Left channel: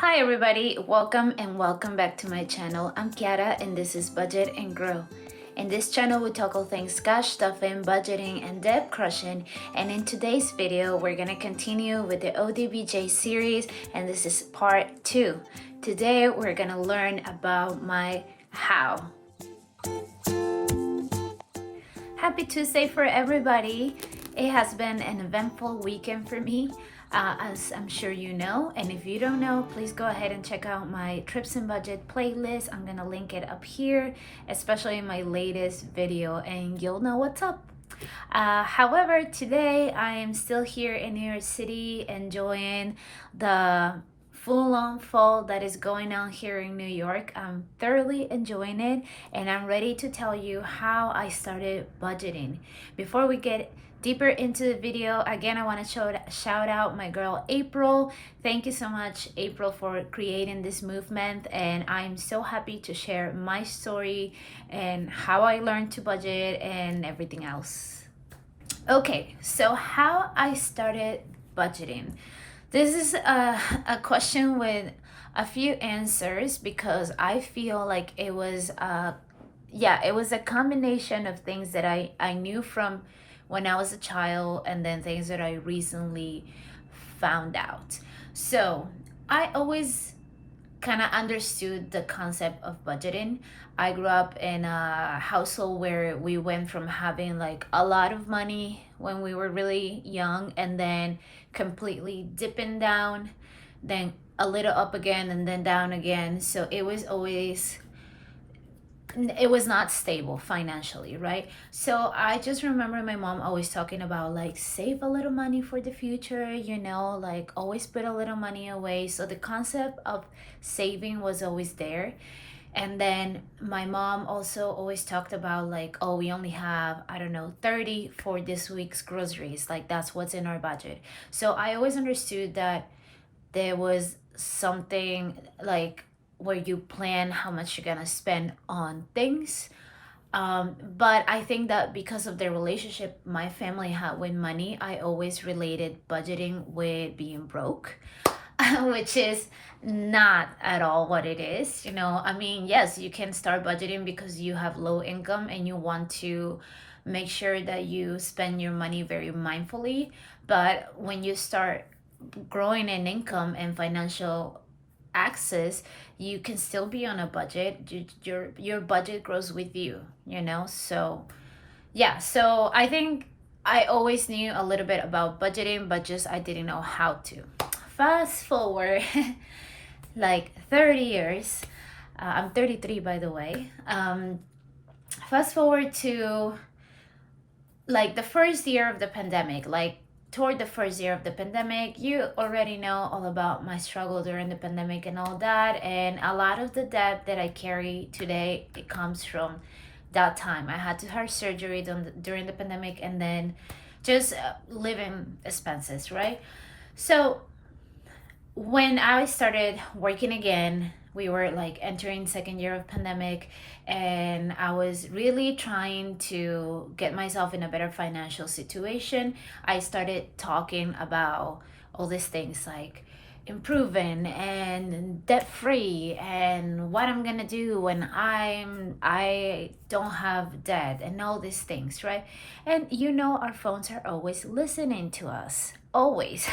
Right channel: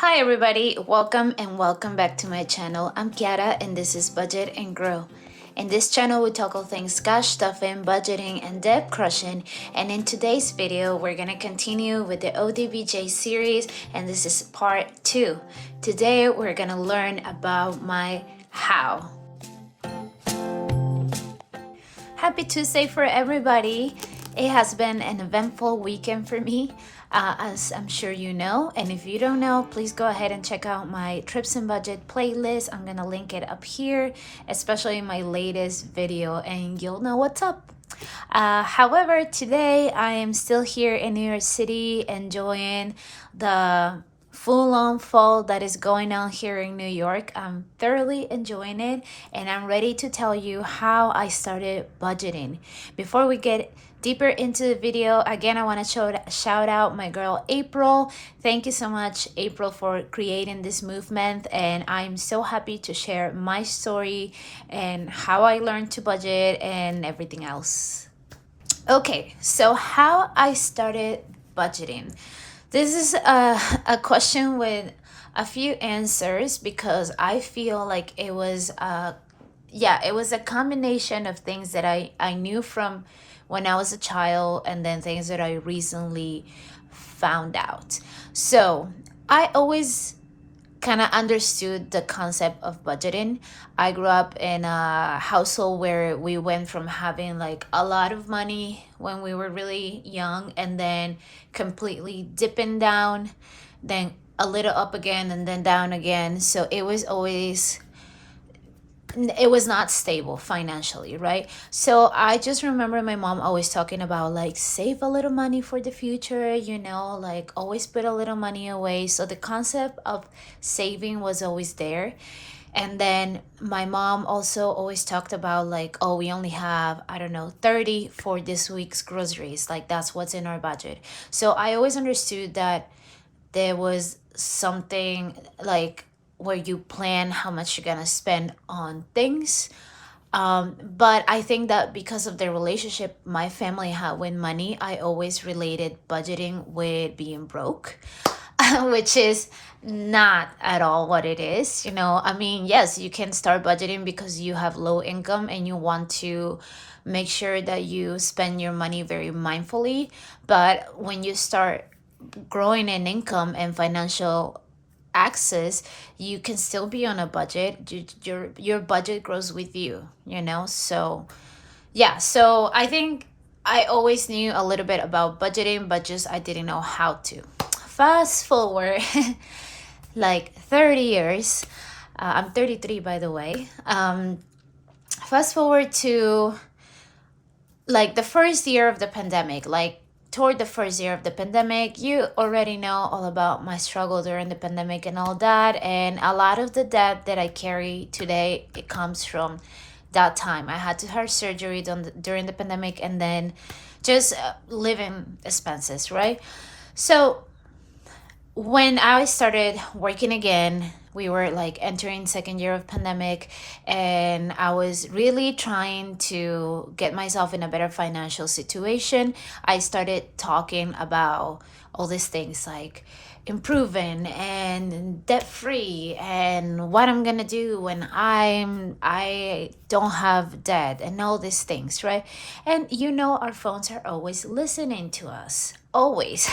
Hi everybody, welcome and welcome back to my channel. I'm Kiara and this is Budget and Grow. In this channel we tackle things cash stuffing, budgeting, and debt crushing. And in today's video we're gonna continue with the ODBJ series, and this is part 2. Today we're gonna learn about my how. Happy Tuesday for everybody. It has been an eventful weekend for me, as I'm sure you know. And if you don't know, please go ahead and check out my Trips and Budget playlist. I'm gonna link it up here, especially my latest video, and you'll know what's up. However, today I am still here in New York City enjoying the full-on fall that is going on here in New York. I'm thoroughly enjoying it, and I'm ready to tell you how I started budgeting. Before we get deeper into the video, again, I want to shout out my girl April. Thank you so much, April, for creating this movement, and I'm so happy to share my story and how I learned to budget and everything else. Okay, so how I started budgeting. This is a question with a few answers because I feel like it was a combination of things that I knew from when I was a child, and then things that I recently found out. So I always kind of understood the concept of budgeting. I grew up in a household where we went from having like a lot of money when we were really young, and then completely dipping down, then a little up again, and then down again. So it was not stable financially, right? So I just remember my mom always talking about like save a little money for the future, like always put a little money away. So the concept of saving was always there. And then my mom also always talked about like, oh, we only have, I don't know, 30 for this week's groceries. Like that's what's in our budget. So I always understood that there was something like where you plan how much you're gonna spend on things. But I think that because of the relationship my family had with money, I always related budgeting with being broke, which is not at all what it is. I mean, yes, you can start budgeting because you have low income and you want to make sure that you spend your money very mindfully. But when you start growing in income and financial access, you can still be on a budget. Your budget grows with you. So yeah, so I think I always knew a little bit about budgeting, but just I didn't know how to. Fast forward like 30 years. I'm 33, by the way. Fast forward to like the first year of the pandemic, like toward the first year of the pandemic. You already know all about my struggle during the pandemic and all that, and a lot of the debt that I carry today, it comes from that time. I had to have surgery during the pandemic, and then just living expenses, right? So when I started working again, we were like entering second year of pandemic, and I was really trying to get myself in a better financial situation. I started talking about all these things like improving and debt free, and what I'm gonna do when I don't have debt, and all these things, right? And our phones are always listening to us, always.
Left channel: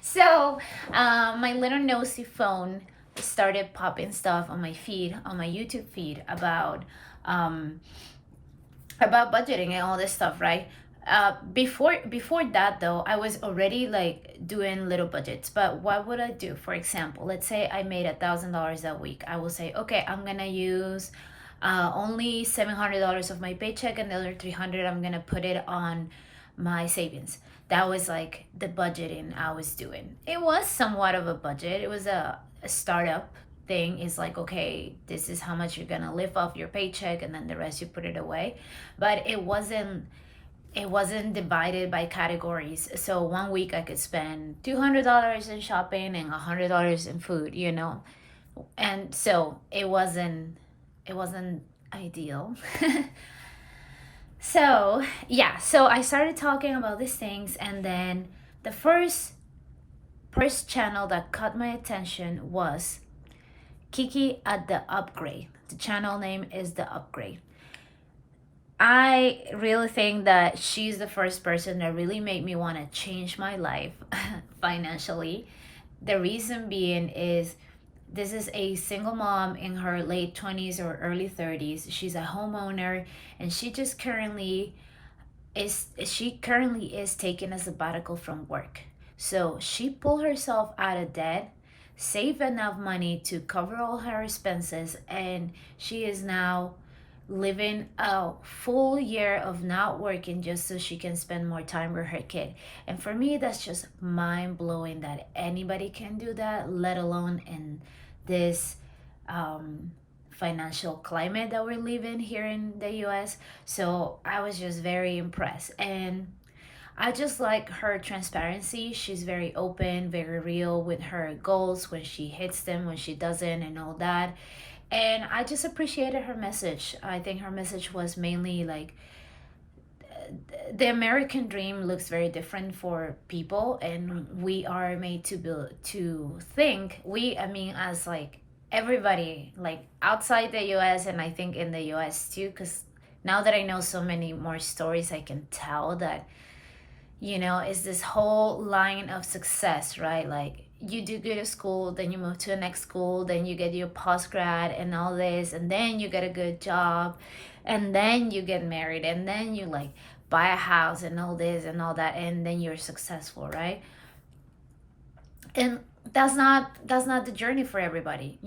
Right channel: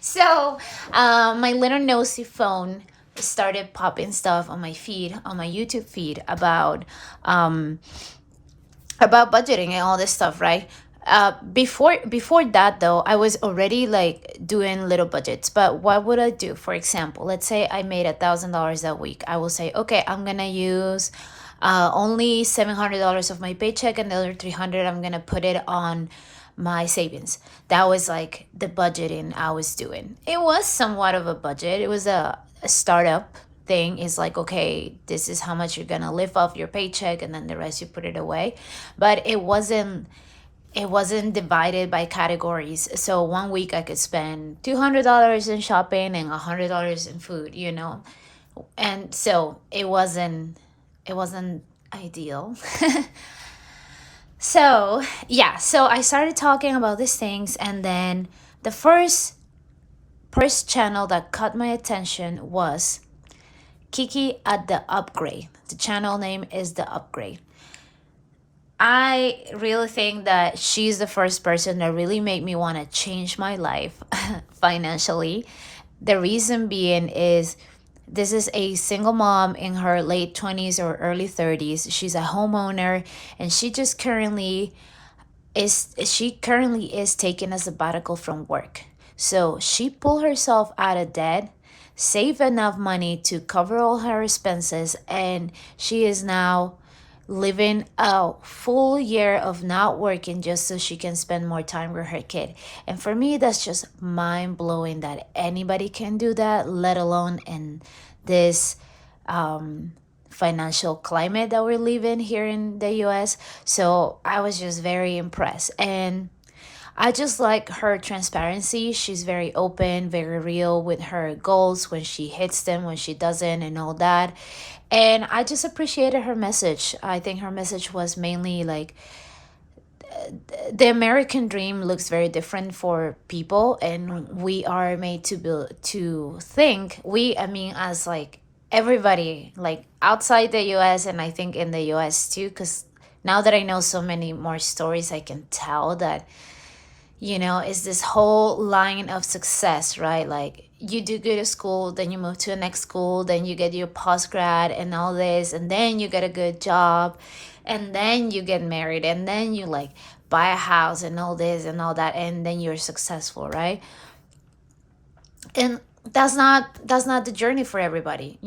So my little nosy phone started popping stuff on my feed, on my YouTube feed, about budgeting and all this stuff, right? Before that though, I was already like doing little budgets. But what would I do? For example, let's say I made $1,000 that week. I will say, okay, I'm gonna use only $700 of my paycheck, and the other 300 I'm gonna put it on my savings. That was like the budgeting I was doing. It was somewhat of a budget. It was a startup thing. Is like, okay, this is how much you're gonna live off your paycheck, and then the rest you put it away. But it wasn't divided by categories. So one week I could spend $200 in shopping and $100 in food, and so it wasn't ideal. So yeah, so I started talking about these things, and then the first first channel that caught my attention was Kiki at the Upgrade. The channel name is The Upgrade. I really think that she's the first person that really made me want to change my life financially. The reason being is this is a single mom in her late 20s or early 30s. She's a homeowner, and she currently is taking a sabbatical from work. So she pulled herself out of debt, saved enough money to cover all her expenses, and she is now living a full year of not working just so she can spend more time with her kid. And for me, that's just mind blowing that anybody can do that, let alone in this financial climate that we're living here in the US. So I was just very impressed. And I just like her transparency. She's very open, very real with her goals, when she hits them, when she doesn't, and all that. And I just appreciated her message. I think her message was mainly like the American dream looks very different for people, and we are made to build to think. I mean, as like everybody, like outside the US, and I think in the US too, because now that I know so many more stories, I can tell that, it's this whole line of success, right? Like you do good at school, then you move to the next school, then you get your post grad and all this, and then you get a good job, and then you get married, and then you like buy a house and all this and all that, and then you're successful, right? And that's not the journey for everybody,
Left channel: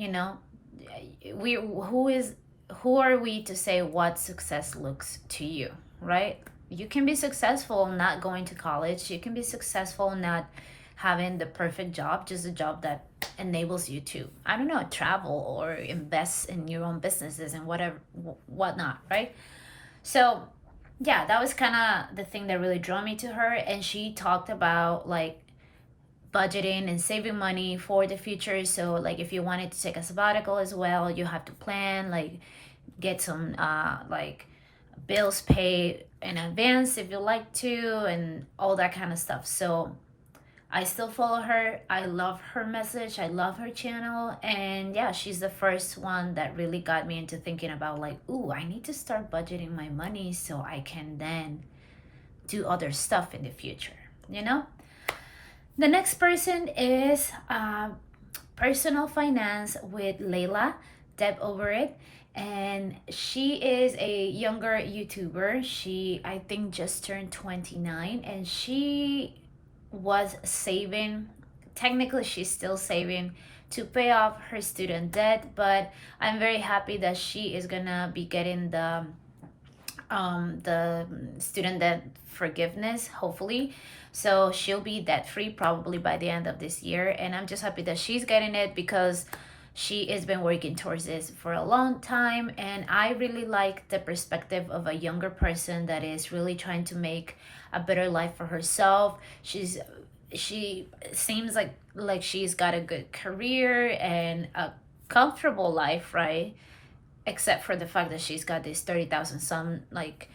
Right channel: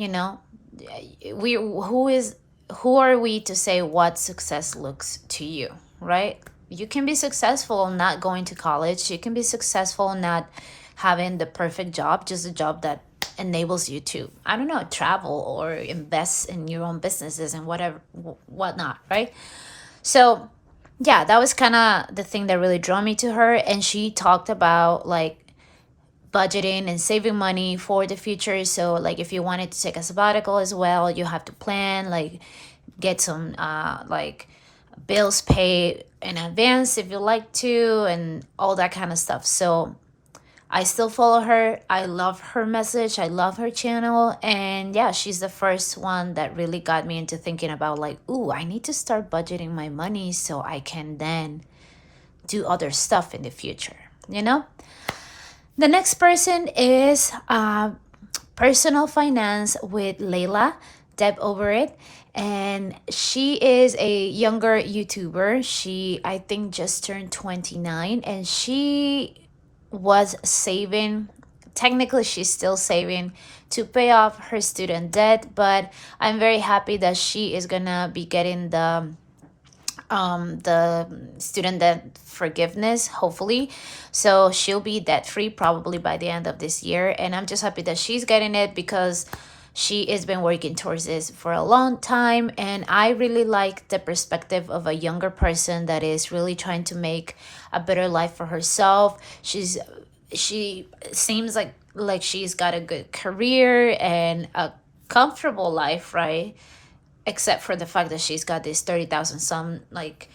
who are we to say what success looks to you, right? You can be successful not going to college. You can be successful not having the perfect job, just a job that enables you to, I don't know, travel or invest in your own businesses and whatnot, right? So yeah, that was kind of the thing that really drew me to her. And she talked about like budgeting and saving money for the future. So like if you wanted to take a sabbatical as well, you have to plan, like get some like bills paid in advance if you like to, and all that kind of stuff. So I still follow her. I love her message. I love her channel. And yeah, she's the first one that really got me into thinking about like, ooh, I need to start budgeting my money so I can then do other stuff in the future, The next person is Personal Finance with Layla, Deb over it. And she is a younger YouTuber. She, I think, just turned 29, and she was saving. Technically, she's still saving to pay off her student debt, but I'm very happy that she is gonna be getting the student debt forgiveness, hopefully. So she'll be debt free probably by the end of this year, and I'm just happy that she's getting it because she has been working towards this for a long time. And I really like the perspective of a younger person that is really trying to make a better life for herself. She seems like she's got a good career and a comfortable life, right? Except for the fact that she's got this 30,000 some like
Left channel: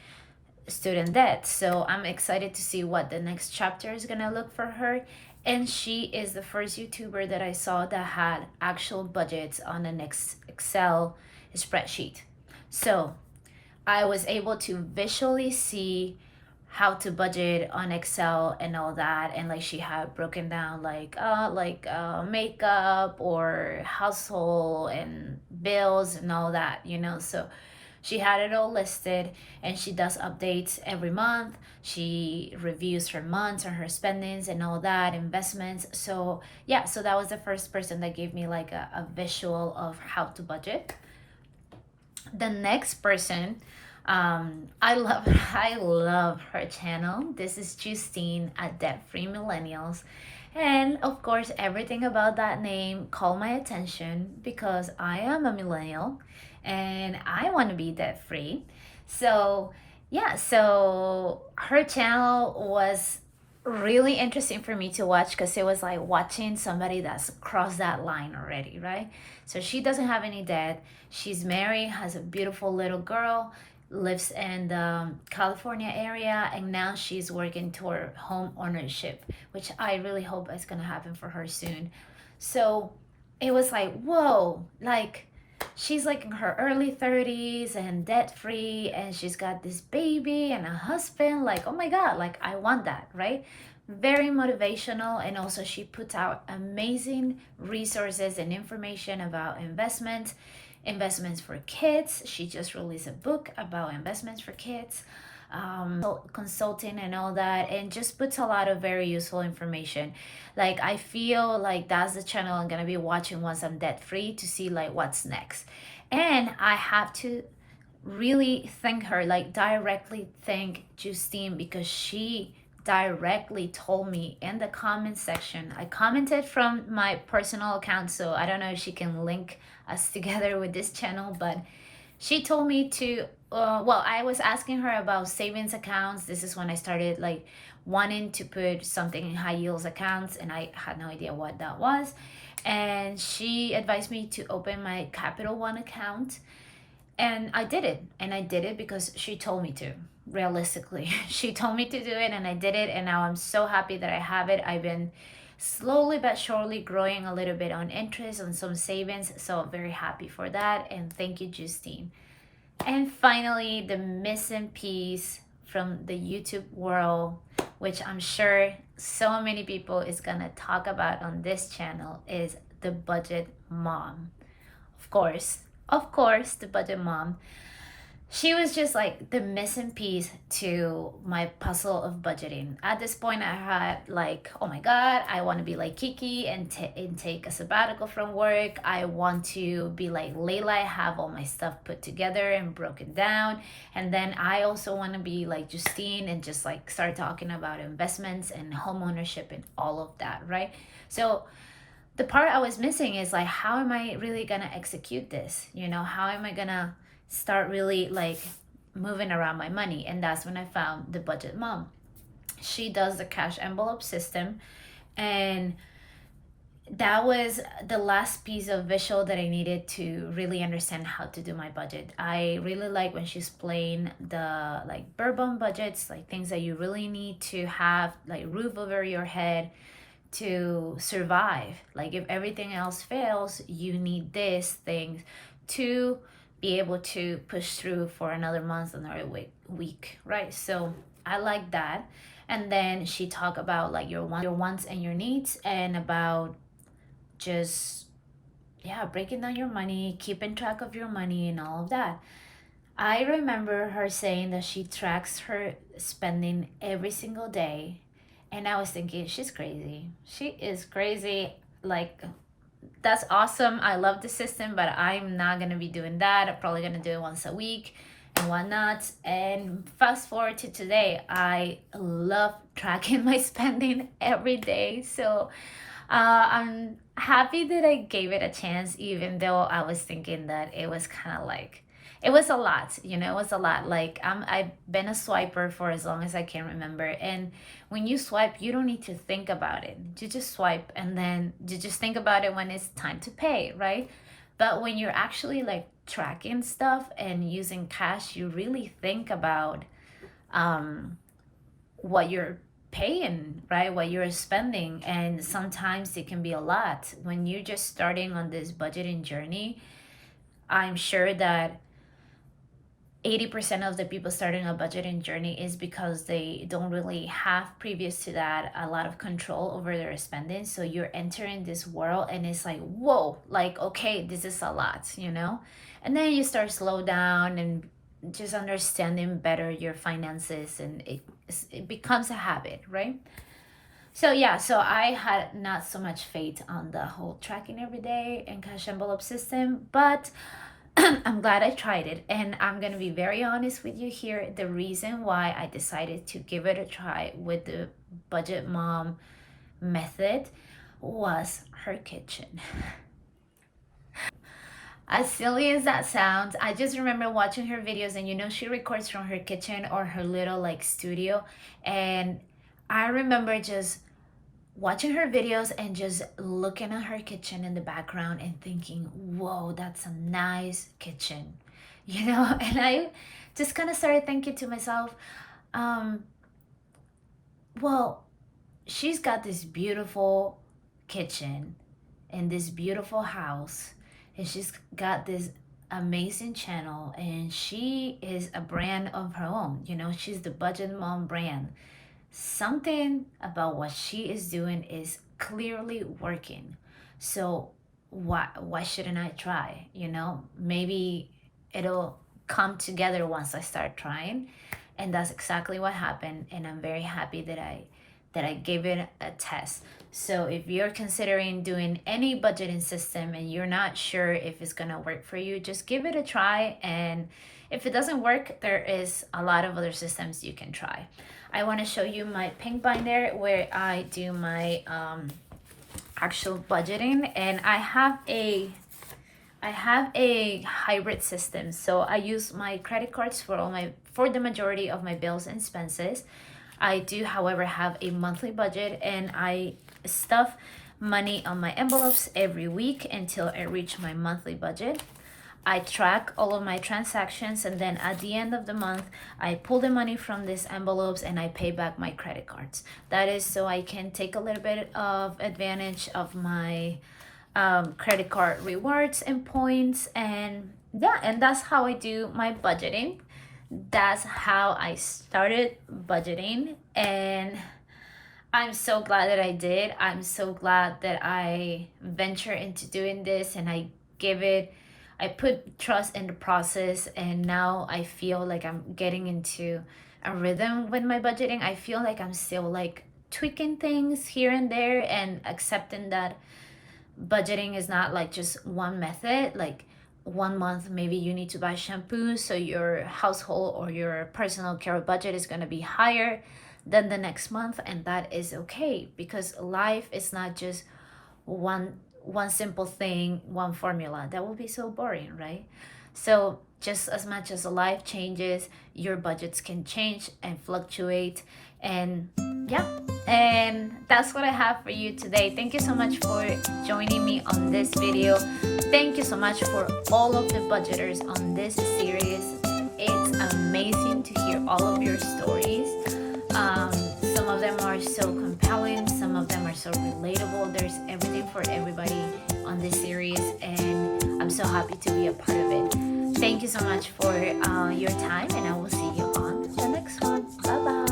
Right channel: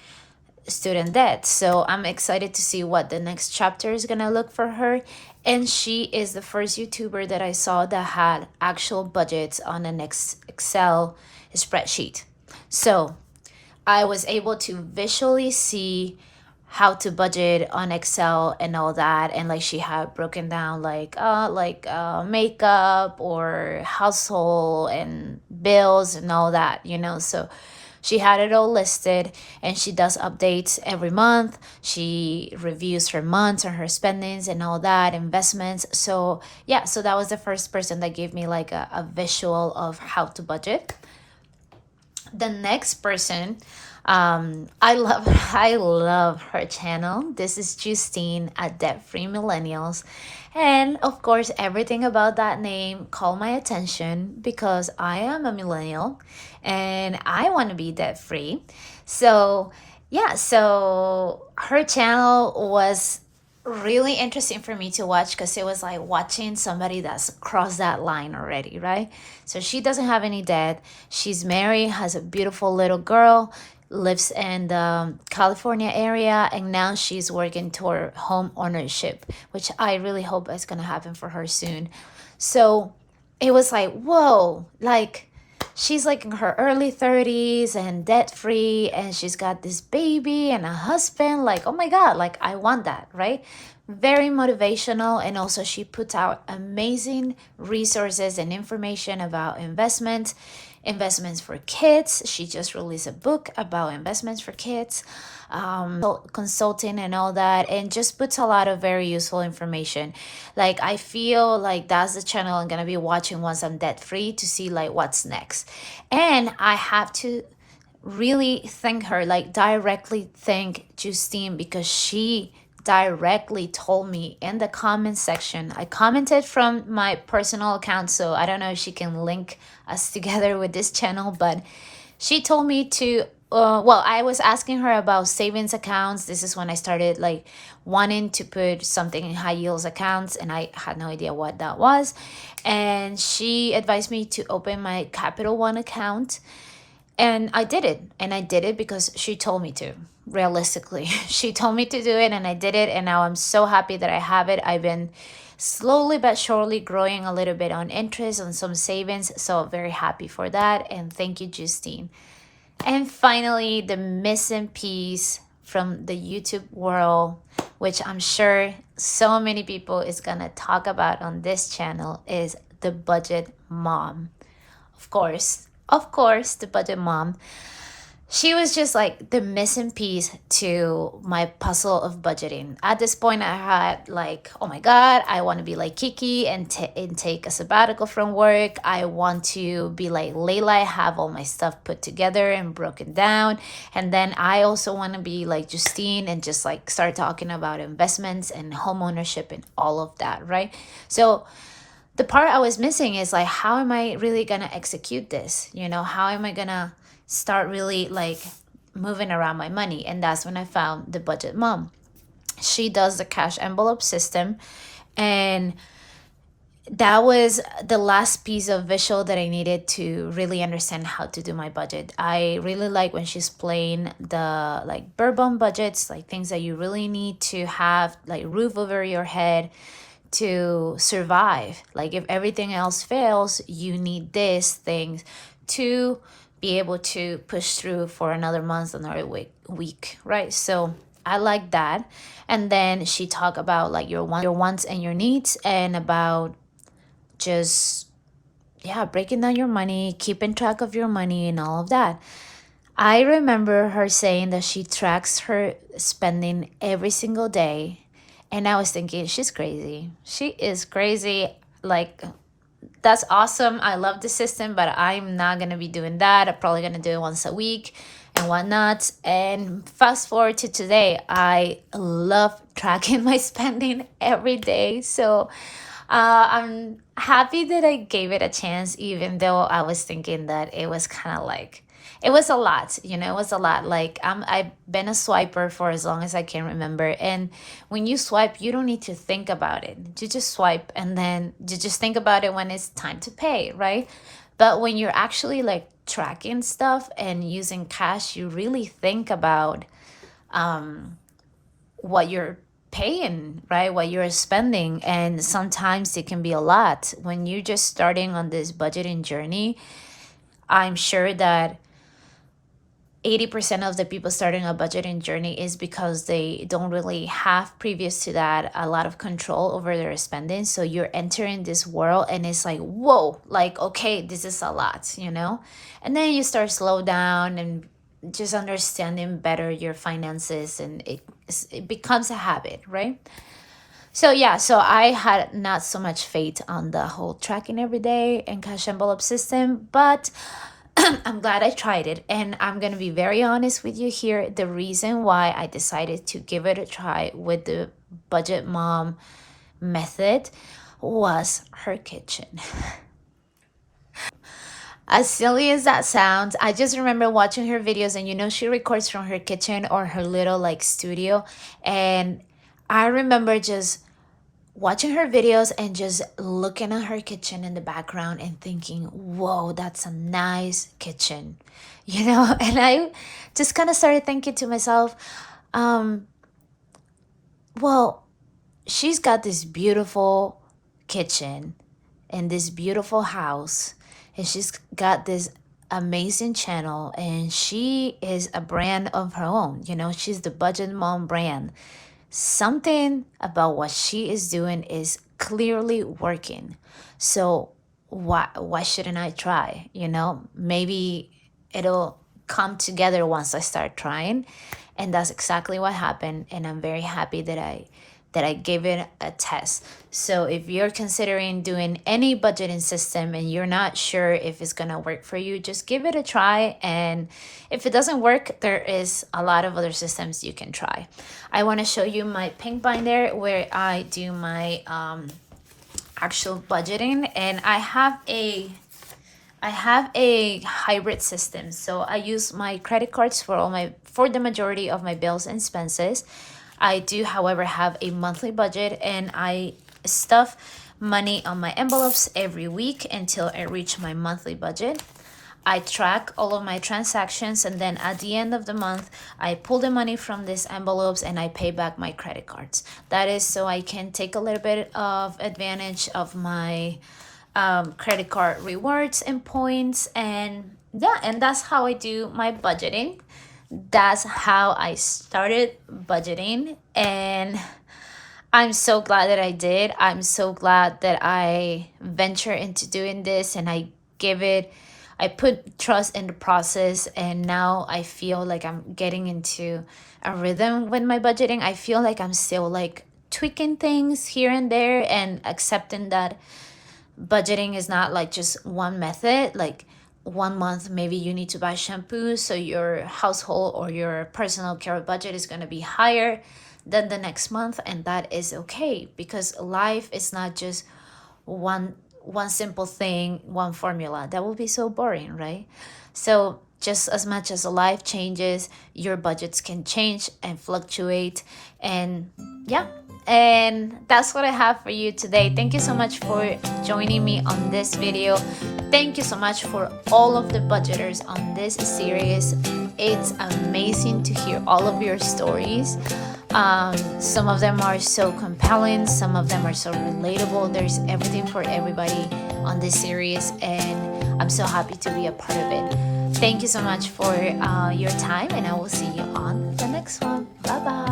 student debt. So I'm excited to see what the next chapter is gonna look for her. And she is the first YouTuber that I saw that had actual budgets on an Excel spreadsheet. So I was able to visually see how to budget on Excel and all that. And like she had broken down like makeup or household and bills and all that, So she had it all listed, and she does updates every month. She reviews her months and her spendings and all that, investments. So yeah, so that was the first person that gave me like a visual of how to budget. The next person, I love her channel. This is Justine at Debt Free Millennials. And of course, everything about that name caught my attention because I am a millennial and I want to be debt free. So yeah, so her channel was really interesting for me to watch because it was like watching somebody that's crossed that line already, right? So she doesn't have any debt. She's married, has a beautiful little girl, lives in the California area, and now she's working toward home ownership, which I really hope is gonna happen for her soon. So it was like, whoa, like she's like in her early 30s and debt free, and she's got this baby and a husband. Like, oh my God, like I want that, right? Very motivational. And also, she puts out amazing resources and information about investments for kids. She just released a book about investments for kids, consulting and all that, and just puts a lot of very useful information. Like, I feel like that's the channel I'm gonna be watching once I'm debt free, to see like what's next. And I have to really thank her, like directly thank Justine, because she directly told me in the comment section. I commented from my personal account, so I don't know if she can link us together with this channel, but she told me to well, I was asking her about savings accounts. This is when I started like wanting to put something in high yields accounts, and I had no idea what that was. And she advised me to open my Capital One account, and I did it. And I did it because she told me to. Realistically, she told me to do it, and I did it. And now I'm so happy that I have it. I've been slowly but surely growing a little bit on interest on some savings. So very happy for that. And thank you, Justine. And finally, the missing piece from the YouTube world, which I'm sure so many people is gonna talk about on this channel, is the budget mom. Of course, the budget mom. She was just like the missing piece to my puzzle of budgeting. At this point, I had like, oh my God, I want to be like Kiki and take a sabbatical from work. I want to be like Layla, have all my stuff put together and broken down. And then I also want to be like Justine and just like start talking about investments and home ownership and all of that, right? So the part I was missing is like, how am I really gonna execute this? How am I gonna start really like moving around my money? And that's when I found the budget mom. She does the cash envelope system, and that was the last piece of visual that I needed to really understand how to do my budget. I really like when she's playing the like bare bone budgets, like things that you really need to have, like roof over your head to survive. Like if everything else fails, you need these things to be able to push through for another month, another week, right? So I like that. And then she talked about like your wants and your needs, and about just breaking down your money, keeping track of your money and all of that. I remember her saying that she tracks her spending every single day, and I was thinking, she's crazy. She is crazy. Like, that's awesome. I love the system, but I'm not going to be doing that. I'm probably going to do it once a week and whatnot. And fast forward to today, I love tracking my spending every day. So I'm happy that I gave it a chance, even though I was thinking that it was kind of like, it was a lot, it was a lot. Like I've been a swiper for as long as I can remember. And when you swipe, you don't need to think about it. You just swipe, and then you just think about it when it's time to pay, right? But when you're actually like tracking stuff and using cash, you really think about what you're paying, right? What you're spending. And sometimes it can be a lot. When you're just starting on this budgeting journey, I'm sure that 80% of the people starting a budgeting journey is because they don't really have, previous to that, a lot of control over their spending. So you're entering this world and it's like, whoa, like, okay, this is a lot, and then you start slow down and just understanding better your finances, and it becomes a habit, right? So I had not so much faith on the whole tracking every day and cash envelope system, but I'm glad I tried it. And I'm going to be very honest with you here. The reason why I decided to give it a try with the budget mom method was her kitchen. As silly as that sounds, I just remember watching her videos, and she records from her kitchen or her little like studio. And I remember just watching her videos and just looking at her kitchen in the background and thinking, whoa, that's a nice kitchen, you know? And I just kind of started thinking to myself, um, well, she's got this beautiful kitchen and this beautiful house, and she's got this amazing channel, and she is a brand of her own. You know, she's the Budget Mom brand. Something about what she is doing is clearly working. So why shouldn't I try? You know, maybe it'll come together once I start trying. And that's exactly what happened, and I'm very happy that I gave it a test. So if you're considering doing any budgeting system and you're not sure if it's gonna work for you, just give it a try. And if it doesn't work, there is a lot of other systems you can try. I want to show you my pink binder where I do my actual budgeting, and I have a hybrid system. So I use my credit cards for the majority of my bills and expenses. I do, however, have a monthly budget, and I stuff money on my envelopes every week until I reach my monthly budget. I track all of my transactions, and then at the end of the month, I pull the money from these envelopes and I pay back my credit cards. That is so I can take a little bit of advantage of my credit card rewards and points. And yeah, and that's how I do my budgeting. That's how I started budgeting, and I'm so glad that I did. I'm so glad that I venture into doing this, and I put trust in the process, and now I feel like I'm getting into a rhythm with my budgeting. I feel like I'm still like tweaking things here and there and accepting that budgeting is not like just one method. Like one month maybe you need to buy shampoo, so your household or your personal care budget is going to be higher than the next month, and that is okay, because life is not just one simple thing, one formula. That would be so boring, right? So just as much as life changes, your budgets can change and fluctuate. And yeah, and that's what I have for you today. Thank you so much for joining me on this video. Thank you so much for all of the budgeters on this series. It's amazing to hear all of your stories. Some of them are so compelling, some of them are so relatable. There's everything for everybody on this series, and I'm so happy to be a part of it. Thank you so much for your time, and I will see you on the next one. Bye bye.